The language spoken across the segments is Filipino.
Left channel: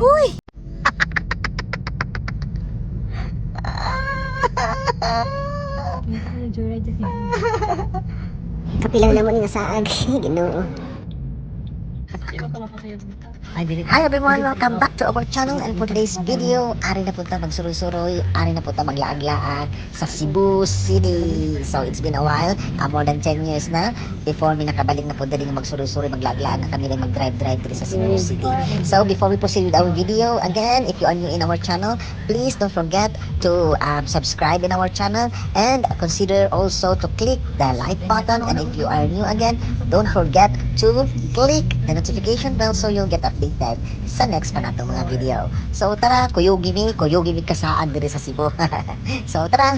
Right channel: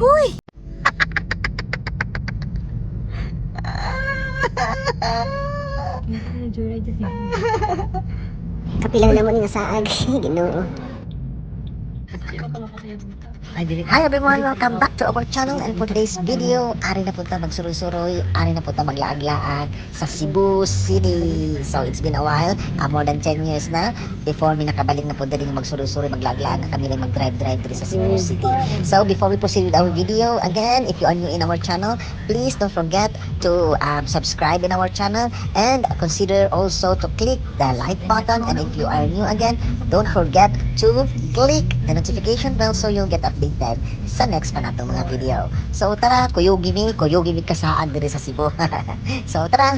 Huy! Kapilang naman nga saag. Ginoo. Hi everyone! Welcome back to our channel, and for today's video, ari na punta magsuroy-suroy, ari na punta maglaag-laag sa Cebu City. So it's been a while, more than 10 years na before mi nakabalik na punta din magsuroy-suroy, maglaag-laag na kami rin mag-drive-drive din sa Cebu City. So before we proceed with our video, again, if you are new in our channel, please don't forget to subscribe in our channel and consider also to click the like button, and if you are new again, don't forget to click the notification bell so you'll get updated sa next pa natong mga video. So tara, kuyugi mi kasaan diri sa Cebu. So tara.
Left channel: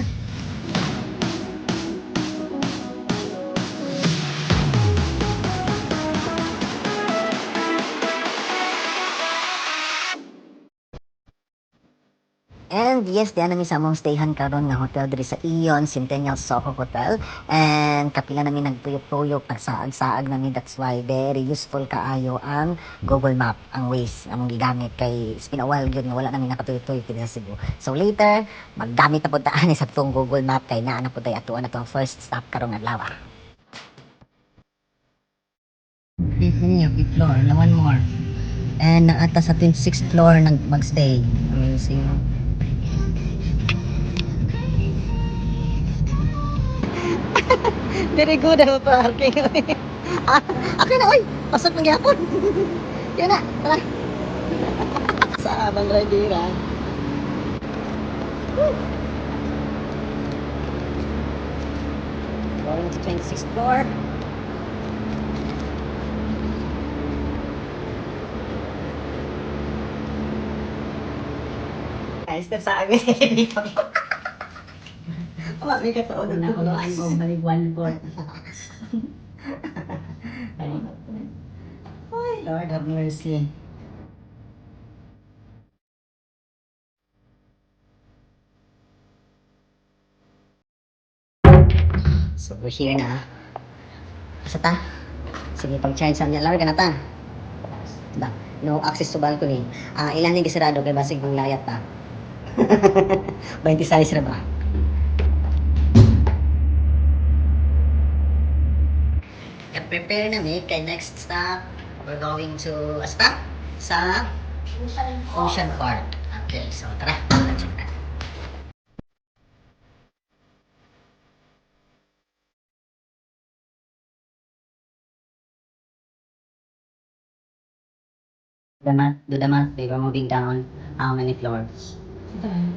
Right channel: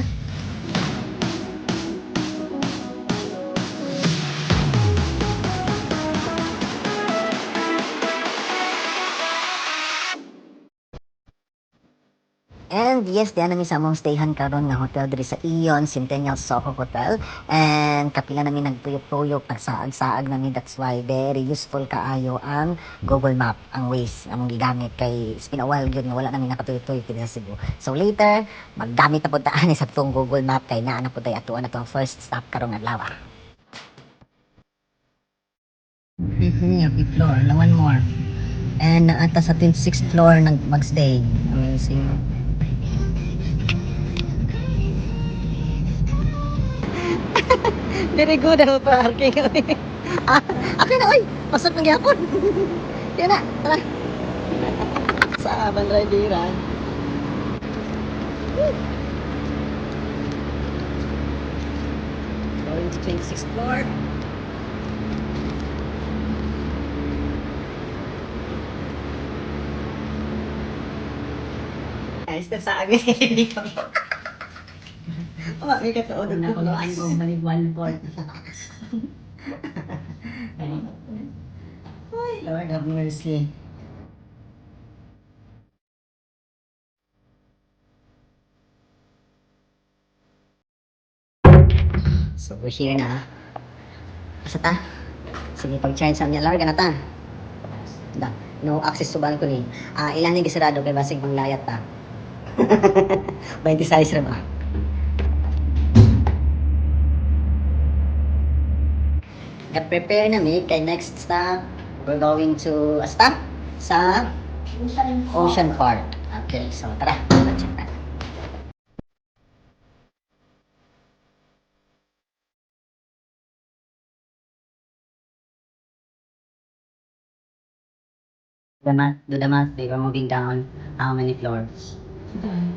And yes, diyan namin sa among stayhan karon nga hotel diri sa Ion Centennial Soho Hotel. And kapila namin nagpuyok-puyok, nagsaag-saag namin. That's why very useful kaayo ang Google Map, ang Waze, ang gigamit kay it's been a while yun nga wala namin nakatuyoy-tuyoy diri sa Cebu. So later, maggamit na pud ta ani sa tong Google Map kay naa na pud tay atuan na tong first stop karong adlaw. Yung floor, na one more. And naata sa 26th floor magstay. Amazing. Very good ang parking. Okay na, oy. Pasok ng yapon. Yan na, tara. Sa Manradiran. Going to 26th floor. Ayos na sa amin. May kataon na ako. May one board. Lord have mercy. So, we're here na. Basta ta. Sige, pag-charge sa niya. Lord, ka na ta. No access to balcony. Ilan yung gisarado kay basig pang layat ta. 26 na ba? Prepare na mi kay next stop. We're going to a stop sa Ocean Park. Okay, so tara. Check na. Dudamat, we were moving down how many floors?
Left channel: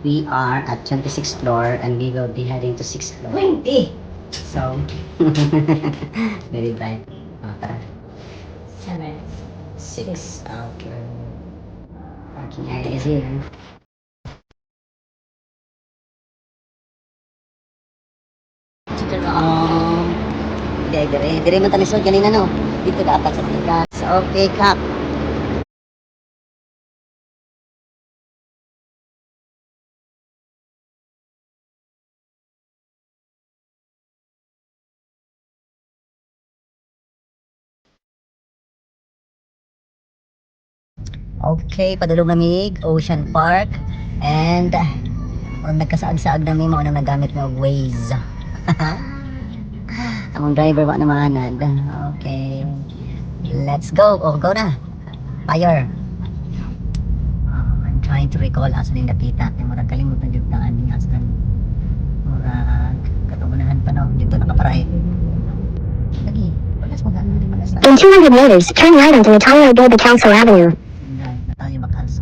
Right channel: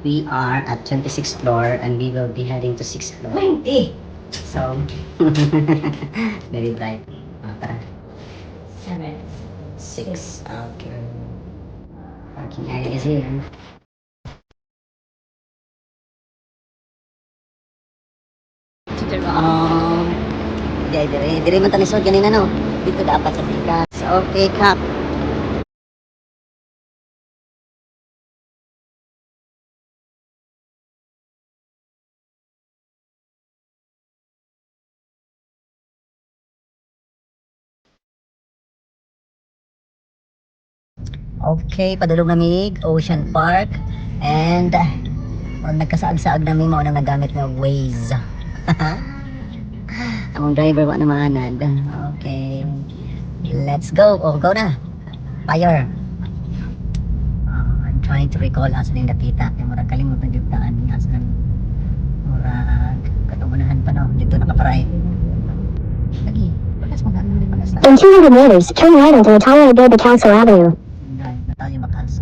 We are at 26th floor and we will be heading to 6th floor. 20! So, very tight. Tara. 7. 6. Okay. Parking area is here. Dire man tanisod kanina, no? Dito dapat sa tika. So, okay, cap. Okay, padulong namig Ocean Park, and kung nagkasaag-saag namin mo nang nagamit ng Waze. Ang driver wa na mahanad. Okay, let's go. Oh, go na. Fire. I'm trying to recall asan yung nakita. Murag kalimutan yung daan niya. Asan murag katumunahan pa, no? Dito nakaparay. Lagi, pagas mo na. In 200 meters, turn right onto Natalia Baby Council Avenue. Na tayo makalso.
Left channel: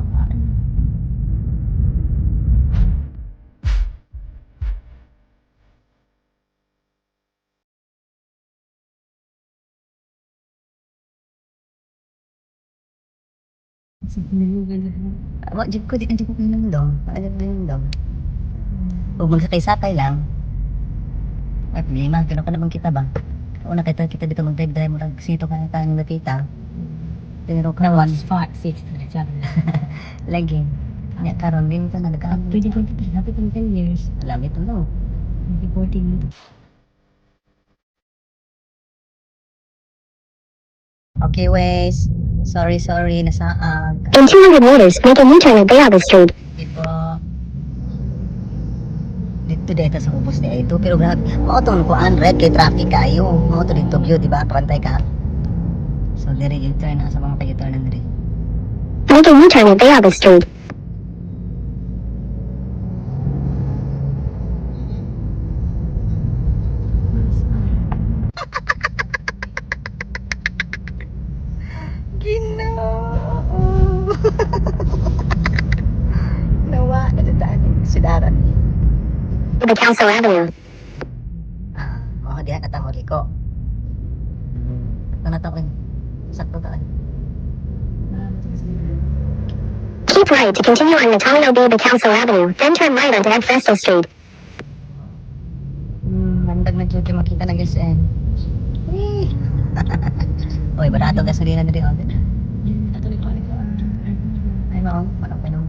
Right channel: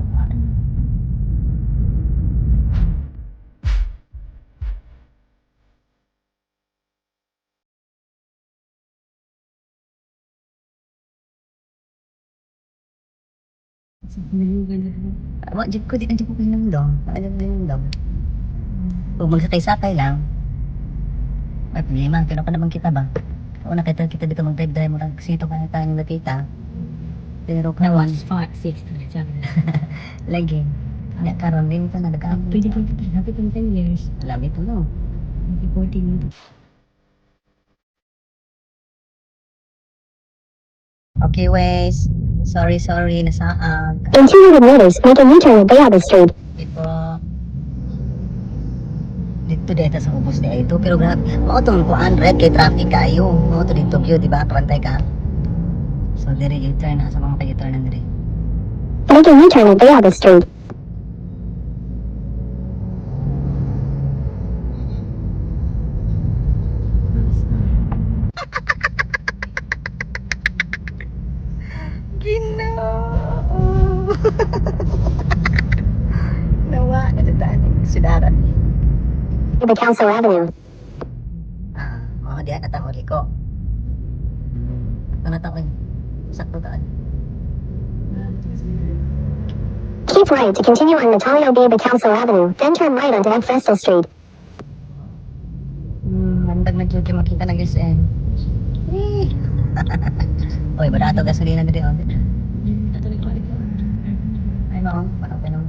Wag jud ko di anjud ko nang dong. Ano ba yung dong? Kung magsakay-sakay lang. Ay, problema, kaya pa naman kita ba? Kung nakita kita dito mag-drive-drive mo, sito ka na tayong nakita. Pero Na kawan, one spot, 6. lagi. Kaya karon din pa nagka-update. Pwede ko, sabi ko 10 years. Alam ito, no? 14. Okay, Wes. Sorry, nasaag. In 200 meters, make a U-turn at Bayaba Street. Dito. Dito sa ubos niya ito. Pero grabe, mao itong kuhaan, red kay traffic kayo. Mao ito dito view, di ba? Pantay ka. So, dire U-turn na sa mga pa-U-turn na dire. Make a U-turn at Bayaba Street. Ginoo! Nawa, natataan yung sidaran. The Council Avenue. Mga diyan natawag ko. Natawag. Sakto taan. Keep right to continue on Natalia Bayaba Council Avenue, then turn right onto Ed Festal Street. Mandag na dyan makita ng SM. Oy, barato gasolina na rin. Ay, maong. Panong.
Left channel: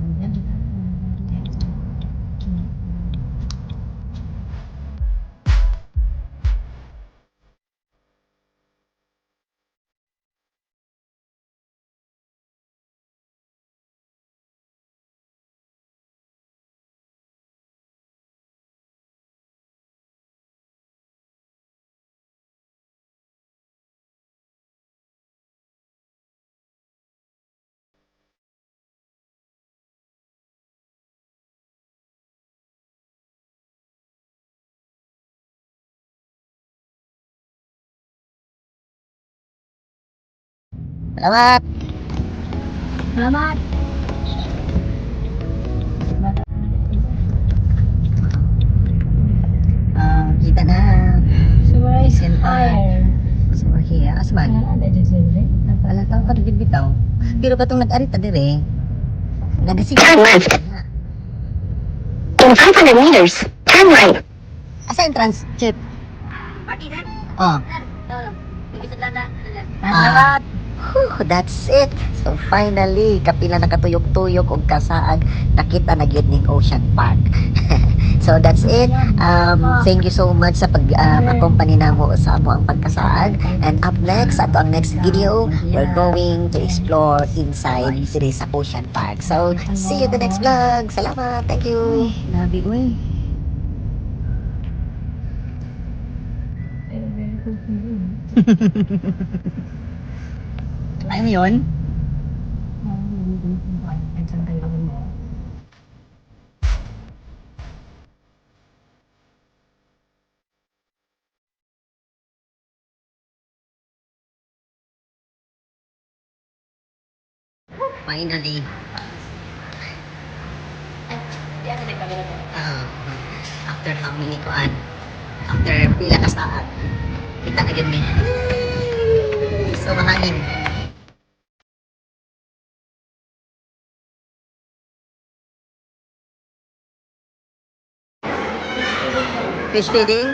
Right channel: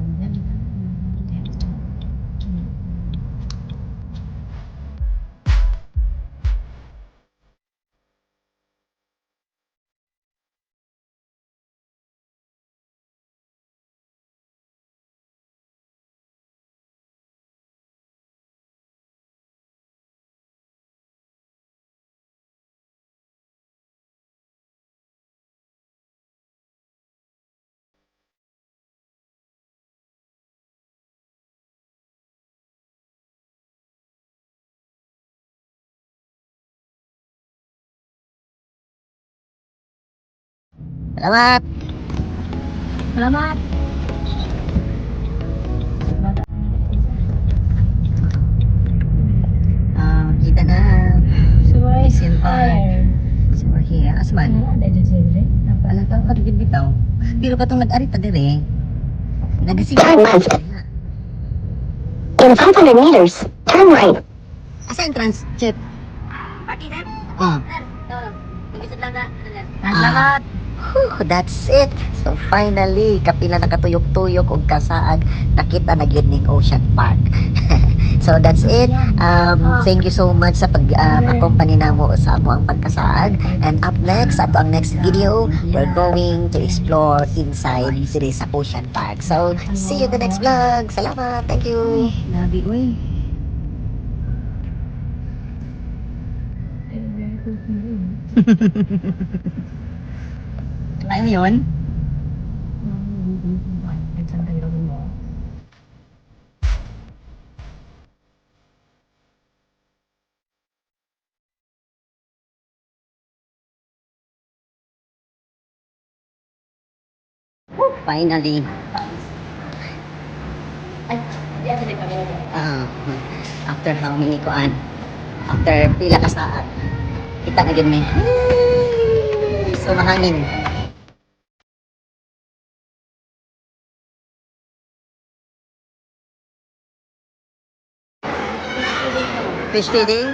Salamat! Salamat! Kita na. So, where is Isin pa. fire? So, here. Asman? Wala, dahil sa ito. Alam tao ka din bitaw. Pero katong nag-arita dire. Nagasig. Turn left. In 500 meters, turn right. Asa entrance? Check. Oh. Salamat! Whew, that's it. So finally, kapila nakatuyok-tuyok og kasaag, nakita na gyud ning Ocean Park. So that's it. Thank you so much sa pag-accompany namo sa amo ang pagkasaag. And up next, ato ang next video, we're going to explore inside diri sa Ocean Park. So see you in the next vlog. Salamat. Thank you. Labi, uy. Ano yun? Finally. After how many kuan? After pila ka saat. Kita na gyud mi. So mahangin. Fish feeding?